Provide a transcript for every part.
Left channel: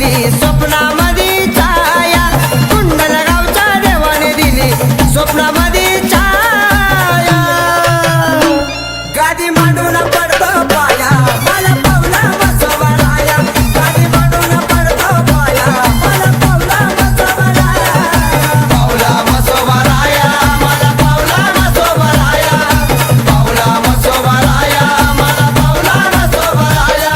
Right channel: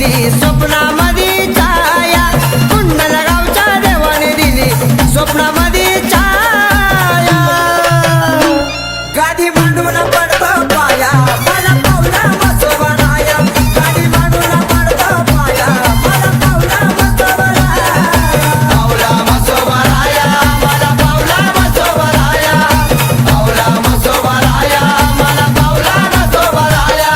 दिली स्वप्नामध्ये छाया, कुंडलगावच्या देवाने दिली स्वप्नामध्ये छाया। गादी मांडून पडतो पाया मला पावला मसोबराया, गादी मांडून पडतो पाया मला पावला मसोबराया, पावला मसोबराया मला पावला मसोबराया, पावला मसोबराया मला पावला मसोबराया।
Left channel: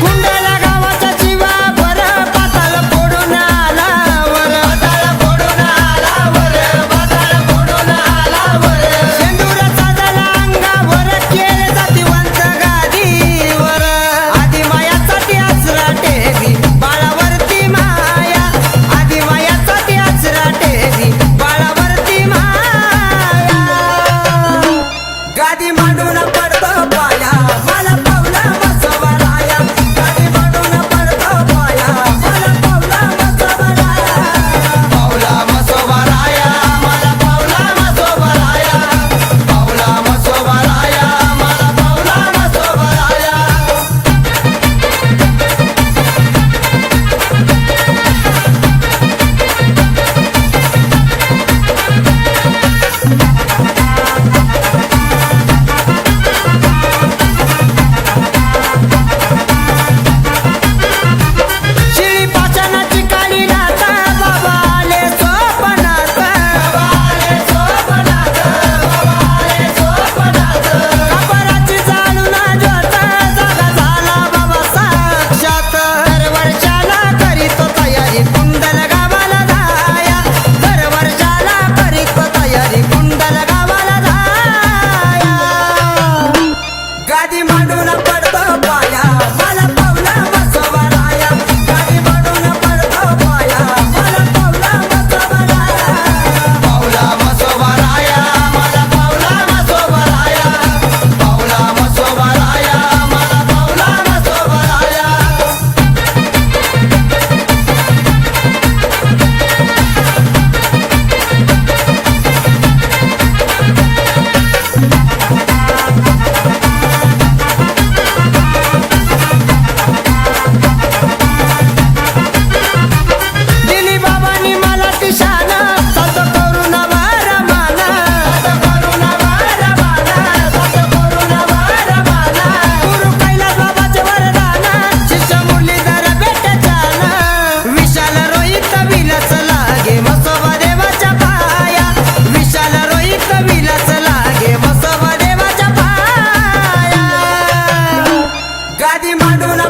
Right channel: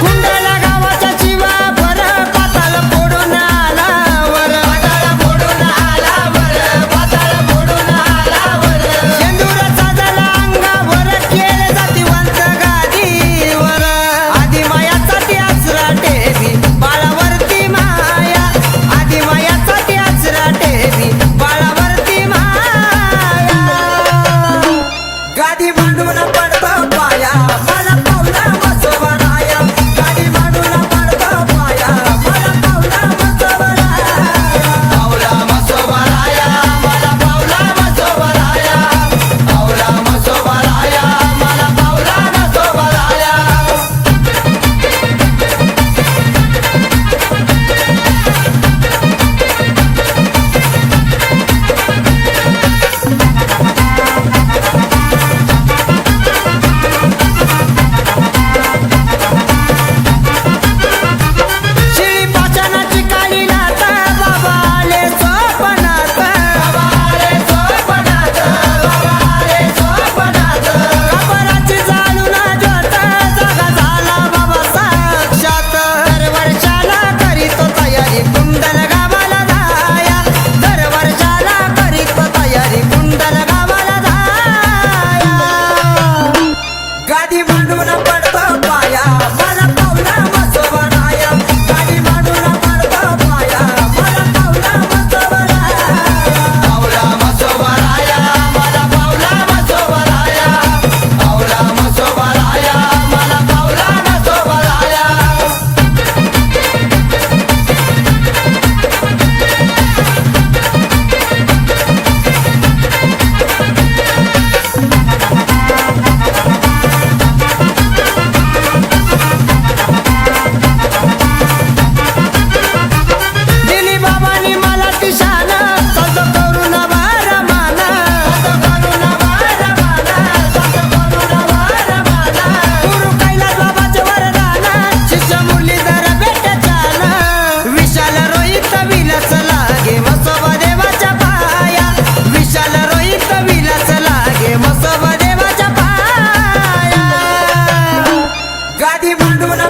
कुंडला गावाच्या शिवा वर पाताळ फोडून आला वर, पाताळ फोडून आला वर, पाताळ फोडून आला वर। शेंदूर साजला अंगावर केले जातीवंत गादीवर, आधी मायासाठी आसरा टेवी बाळावरती माया, आधी मायासाठी आसरा टेवी बाळावरती माया। गादी मांडून पडतो पाया मला पावला मसोबराया, गादी मांडून पडतो पाया मला पावला मसोबराया, पावला मसोबराया मला पावला मसोबराया, पावला मसोबराया मला पावला मसोबराया। शिळी पाषाणाची काळी लाट बाबा आले स्वप्नात, बाबा आले स्वप्नात, बाबा आले स्वप्नात। कबराची जाळून ज्योत जागा झाला बाबा साक्षात, दरवर्षाला करीतो तयारी कुंडल गावाला जाया, दरवर्षाला करीतो तयारी कुंडल गावाला जाया। गादी मांडून पडतो पाया मला पावला मसोबराया, गादी मांडून पडतो पाया मला पावला मसोबराया, पावला मसोबराया मला पावला मसोबराया, पावला मसोबराया मला पावला मसोबराया। दिली बाबांनी मला ती शान, चालतो करून वारमाना, चालतो करून वारमाना, चालतो करून वारमाना। गुरु कैलास बाबाचे वरदान, शिष्य मुरलीधर भेटे छान, विशाल रोहित विलास लागे मसोबा देवाच्या पाया, विशाल रोहित विलास लागे मसोबा देवाच्या पाया। गादी मांडून